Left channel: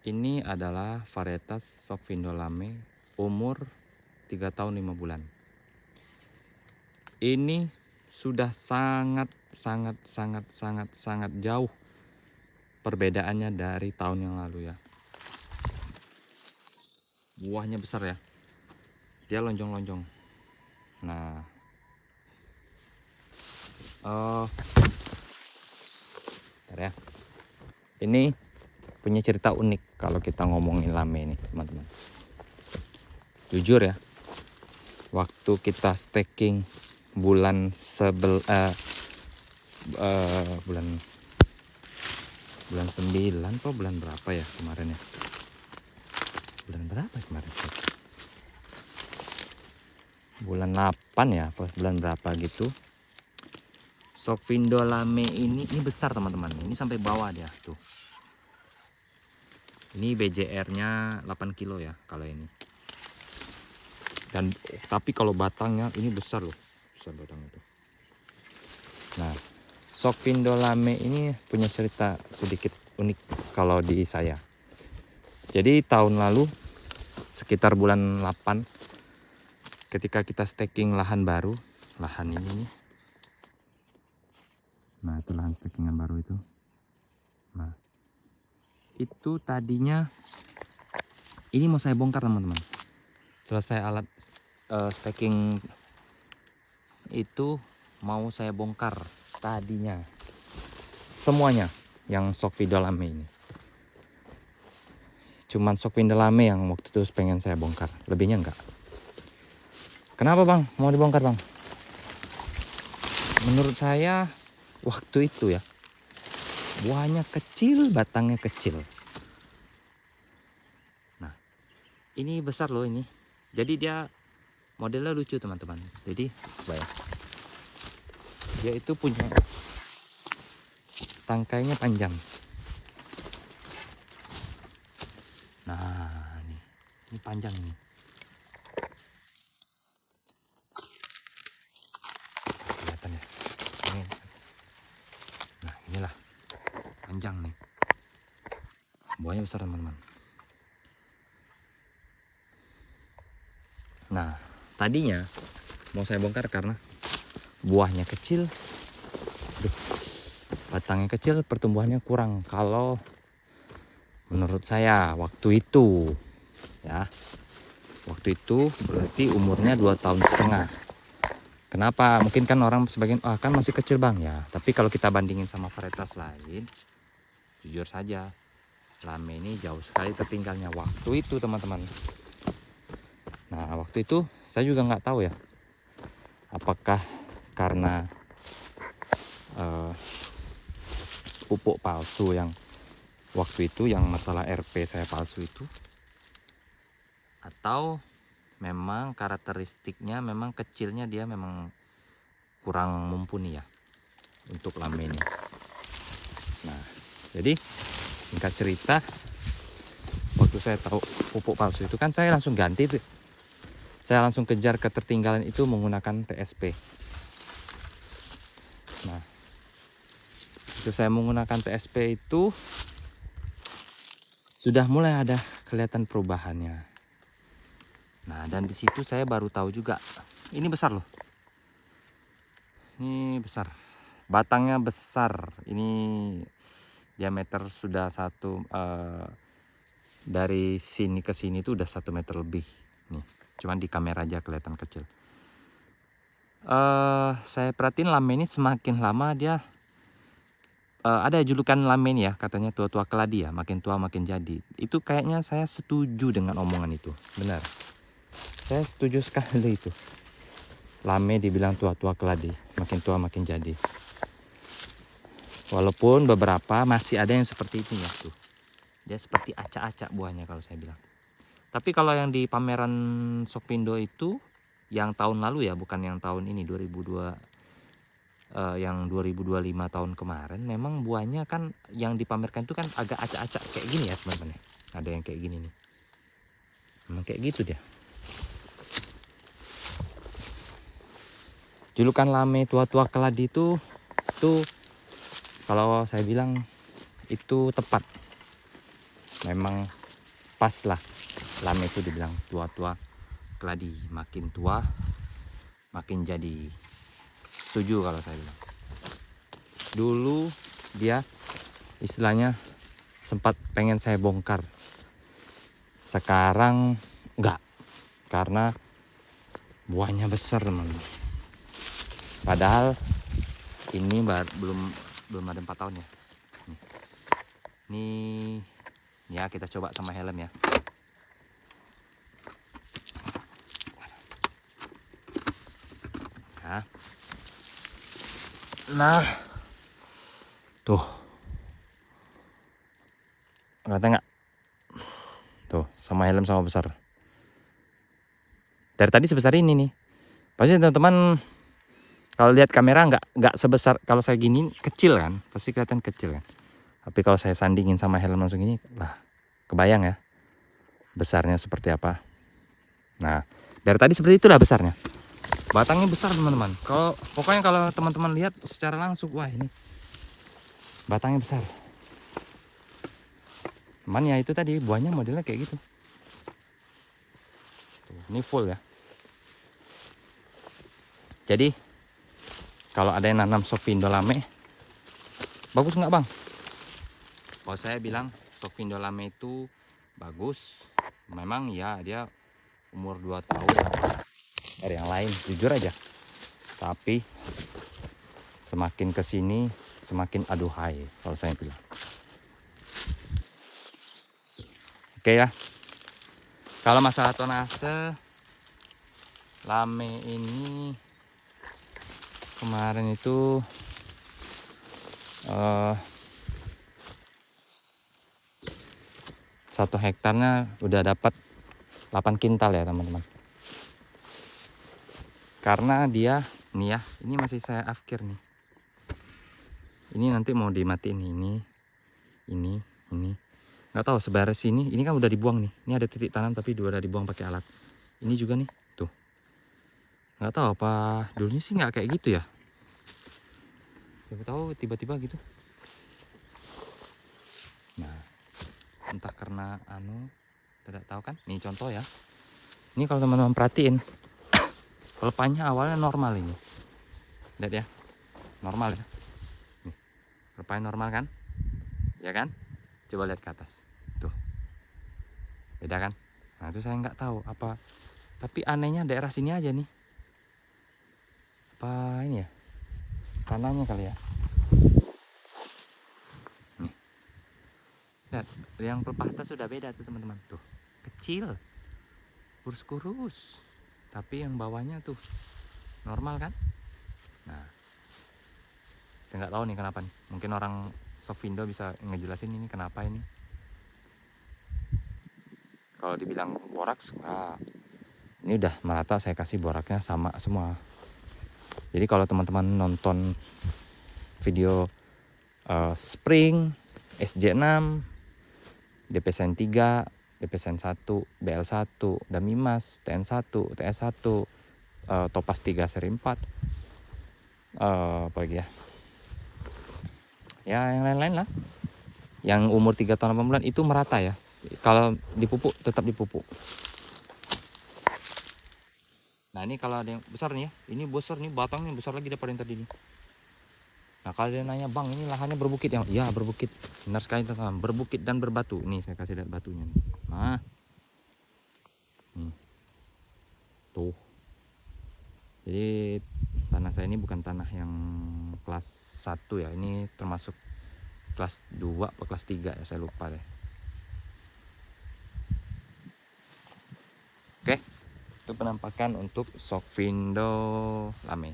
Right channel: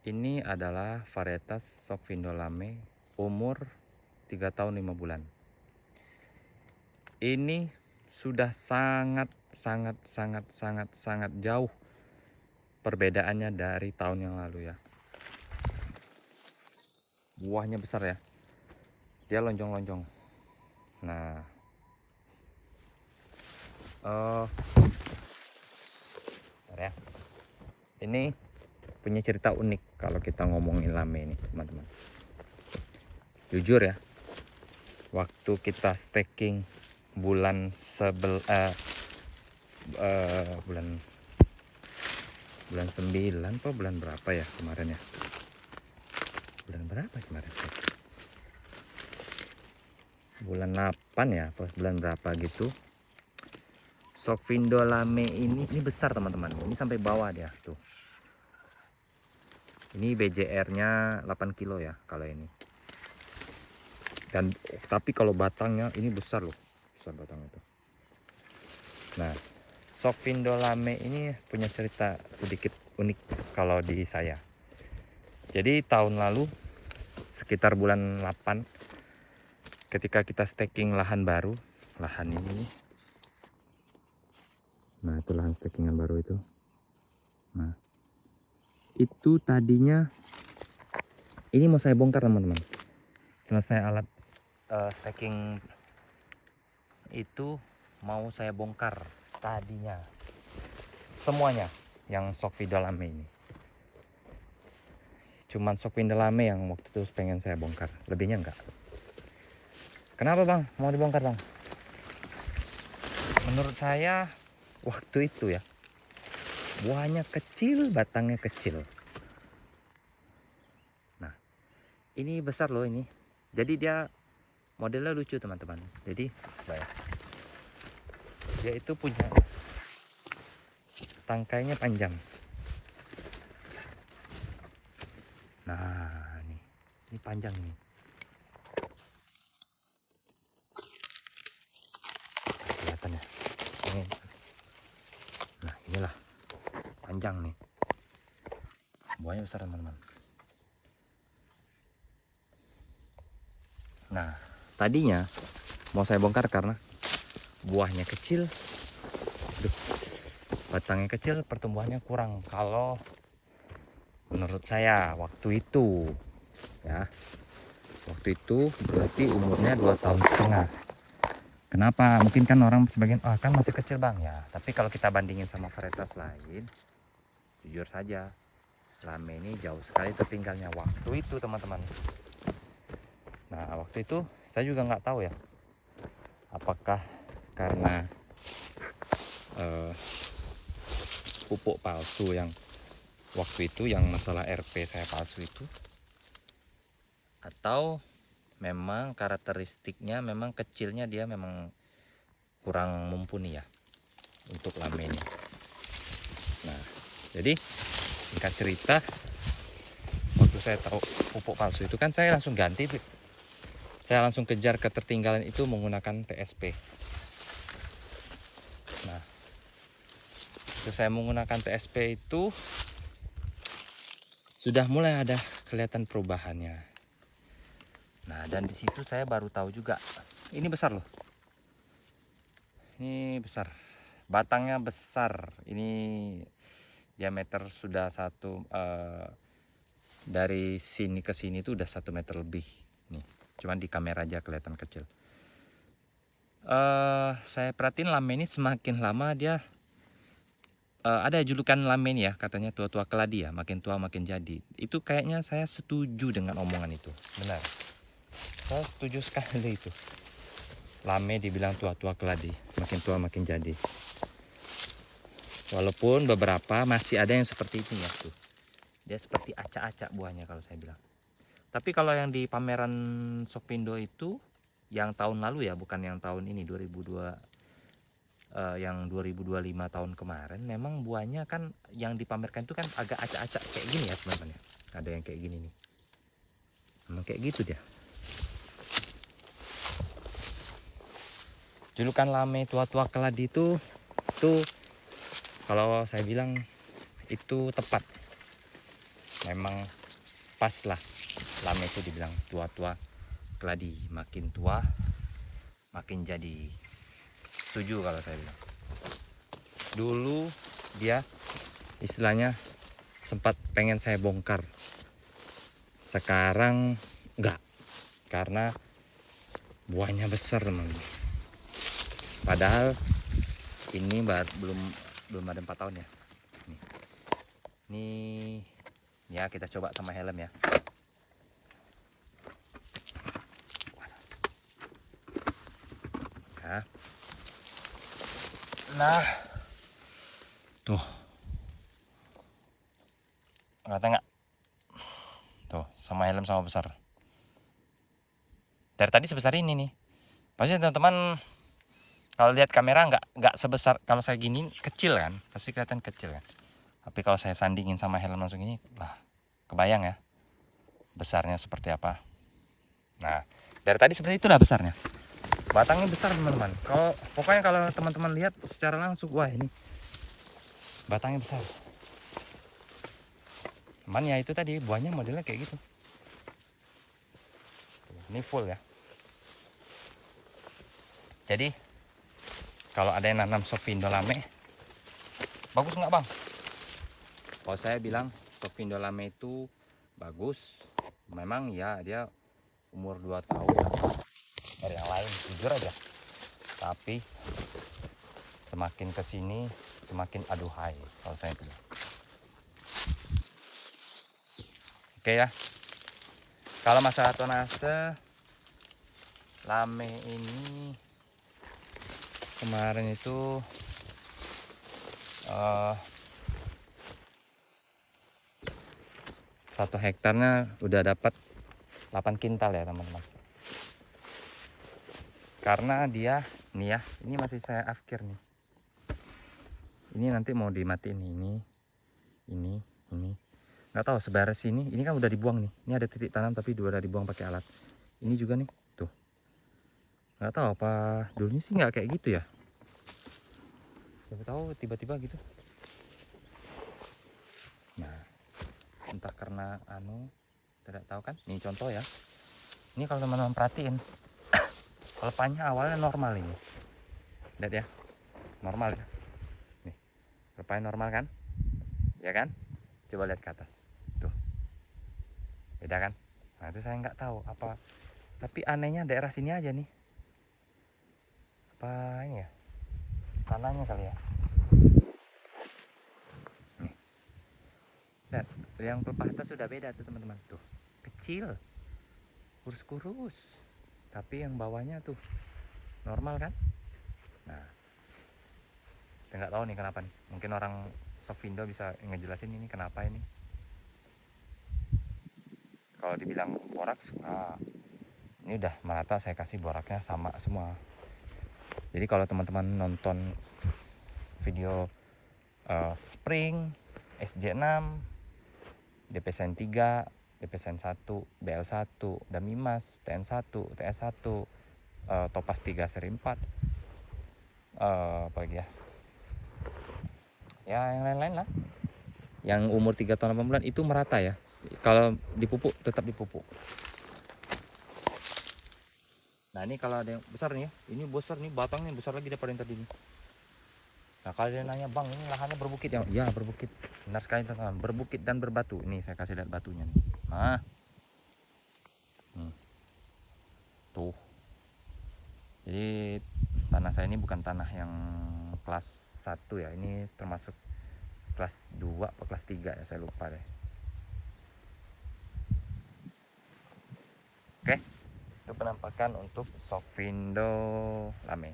Ini adalah varietas Sophindo Lame umur 3 tahun 5 bulan. Ini sudah sangat jauh perbedaannya dari tahun yang lalu ya. Buahnya besar ya. Dia lonjong-lonjong. Nah, bentar ya. Ini punya cerita unik kalau kita ngomongin lame ini, teman-teman. Jujur ya, waktu kita staking bulan bulan 9 atau bulan berapa ya kemarin ya? Bulan berapa kemarin sih? Bulan 8 ya, apa bulan berapa gitu. Sophindo Lame ini besar teman-teman. Ini sampai bawah dia tuh. Ini BJR-nya 8 kilo ya kalau ini. Dan tapi kalau batangnya ini besar loh. Besar batangnya tuh. Nah, Sophindo Lame ini punya cerita sedikit unik kalau di saya. Jadi tahun lalu sekitar bulan 8 ketika kita staking lahan baru, lahan ini nih. Nah, itu lahan stakingan baru itu. Nah, itu tadinya ini mau saya bongkar teman-teman. Selesai alat staking itu mau saya bongkar tadinya semuanya yang Sophindo Lame ini. Cuman Sophindo Lame yang waktu itu pengen saya bongkar, lebihnya enggak. Kenapa bang? Mau dibongkar bang? Menurut saya waktu itu ya, buahnya kecil, batangnya kecil. Nah, ini besar loh ini. Jadi dia modelnya lucu teman-teman. Jadi baik. Dia itu punya tangkainya panjang. Nah, ini panjang ini. Kelihatan ya. Ini. Nah, inilah panjang nih. Buahnya besar teman-teman. Nah, tadinya mau saya bongkar karena buahnya kecil. Batangnya kecil, pertumbuhannya kurang. Kalau menurut saya waktu itu ya, waktu itu berarti umurnya 2,5 tahun. Kenapa? Mungkin kan orang sebagian kan masih kecil bang ya. Tapi kalau kita bandingin sama varietas lain, jujur saja Lame ini jauh sekali tertinggalnya waktu itu teman-teman. Nah waktu itu saya juga nggak tahu ya, apakah karena pupuk palsu yang waktu itu, yang masalah RP saya palsu itu, atau memang karakteristiknya memang kecilnya dia memang kurang mumpuni ya untuk Lame ini. Nah jadi singkat cerita, waktu saya tahu pupuk palsu itu kan saya langsung ganti tuh. Saya langsung kejar ketertinggalan itu menggunakan TSP. Nah itu saya menggunakan TSP itu sudah mulai ada kelihatan perubahannya. Nah dan di situ saya baru tahu juga ini besar loh. Ini besar, batangnya besar. Ini diameter sudah dari sini ke sini tuh udah 1 meter lebih. Nih, cuman di kamera aja kelihatan kecil. Saya perhatiin Lame ini semakin lama dia ada julukan Lame ini ya, katanya tua-tua keladi ya, makin tua makin jadi. Itu kayaknya saya setuju dengan omongan itu, benar. Saya setuju sekali itu. Lame dibilang tua-tua keladi, makin tua makin jadi. Walaupun beberapa masih ada yang seperti itu ya tuh. Dia seperti acak-acak buahnya kalau saya bilang. Tapi kalau yang di pameran Sophindo itu yang tahun lalu ya, bukan yang tahun ini 2002, yang 2025 tahun kemarin, memang buahnya kan yang dipamerkan itu kan agak acak-acak kayak gini ya teman-teman. Ada yang kayak gini nih. Memang kayak gitu dia. Julukan Lame tua-tua keladi itu kalau saya bilang itu tepat. memang pas lah. Lame itu dibilang tua-tua keladi, makin tua makin jadi. Setuju kalau saya bilang. Dulu dia istilahnya sempat pengen saya bongkar, sekarang enggak, karena buahnya besar teman-teman. Padahal ini belum ada 4 tahun ya. Nih ya, kita coba sama helm ya. Nah, tuh, kelihatan nggak? Tuh, sama helm sama besar. Dari tadi sebesar ini nih. Pasti teman-teman kalau lihat kamera nggak sebesar, kalau saya gini kecil kan, pasti kelihatan kecil kan. Tapi kalau saya sandingin sama helm langsung ini, lah, kebayang ya besarnya seperti apa. Nah, dari tadi seperti itulah besarnya. Batangnya besar teman-teman. Pokoknya kalau teman-teman lihat secara langsung, wah ini batangnya besar. Cuman ya itu tadi buahnya modelnya kayak gitu. Tuh, ini full ya. Jadi kalau ada yang nanam Sofindo Lame, bagus nggak bang? Kalau saya bilang Sofindo Lame itu bagus. Memang ya dia umur 2 tahun dari yang lain, jujur aja. Tapi semakin kesini semakin aduhai kalau saya bilang. Oke ya. Kalau masalah tonase Lame ini kemarin itu 1 hektarnya udah dapat 8 kintal ya teman-teman. Karena dia nih ya, ini masih saya afkir nih. Ini nanti mau dimatiin ini. Nggak tahu sebaris ini kan udah dibuang nih. Ini ada titik tanam tapi udah dibuang pakai alat. Ini juga nih, tuh. Nggak tahu apa dulunya sih nggak kayak gitu ya. Siapa tahu tiba-tiba gitu. Nah, entah karena tidak tahu kan. Nih contoh ya. Ini kalau teman-teman perhatiin, pelepahnya awalnya normal ini. Lihat ya, normal ya. Nih, pelepahnya normal kan? Ya kan? Coba lihat ke atas. Tuh. Beda kan? Nah, itu saya nggak tahu apa. Tapi anehnya daerah sini aja nih. Apa ini ya? Tanahnya kali ya. Nih. Lihat, yang pelepah atas sudah beda tuh teman-teman. Tuh, kecil. Kurus-kurus. Tapi yang bawahnya tuh normal kan? Nah, saya nggak tahu nih kenapa nih. Mungkin orang Sofindo bisa ngejelasin ini kenapa ini. Kalau dibilang boraks, ini udah merata, saya kasih boraknya sama semua. Jadi kalau teman-teman nonton video Spring, SJ6, DPSN 3, DPSN 1, BL1, Damimas, TN1, TS1, Topaz 3 seri 4, apa lagi ya? Ya yang lain-lain lah. Yang umur 3 tahun 8 bulan itu merata ya. Kalau dipupuk tetap dipupuk. Nah ini kalau ada yang besar nih ya, ini besar nih, batangnya besar lagi daripada yang tadi nih. Nah kalau dia nanya bang ini lahannya berbukit ya, ya berbukit, benar sekali teman-teman, berbukit dan berbatu. Nih saya kasih lihat batunya nih. Nah, nih, tuh. Jadi tanah saya ini bukan tanah yang kelas 1 ya, ini termasuk kelas 2 atau kelas 3 ya, saya lupa deh. Oke, itu penampakan untuk Sofindo Lame.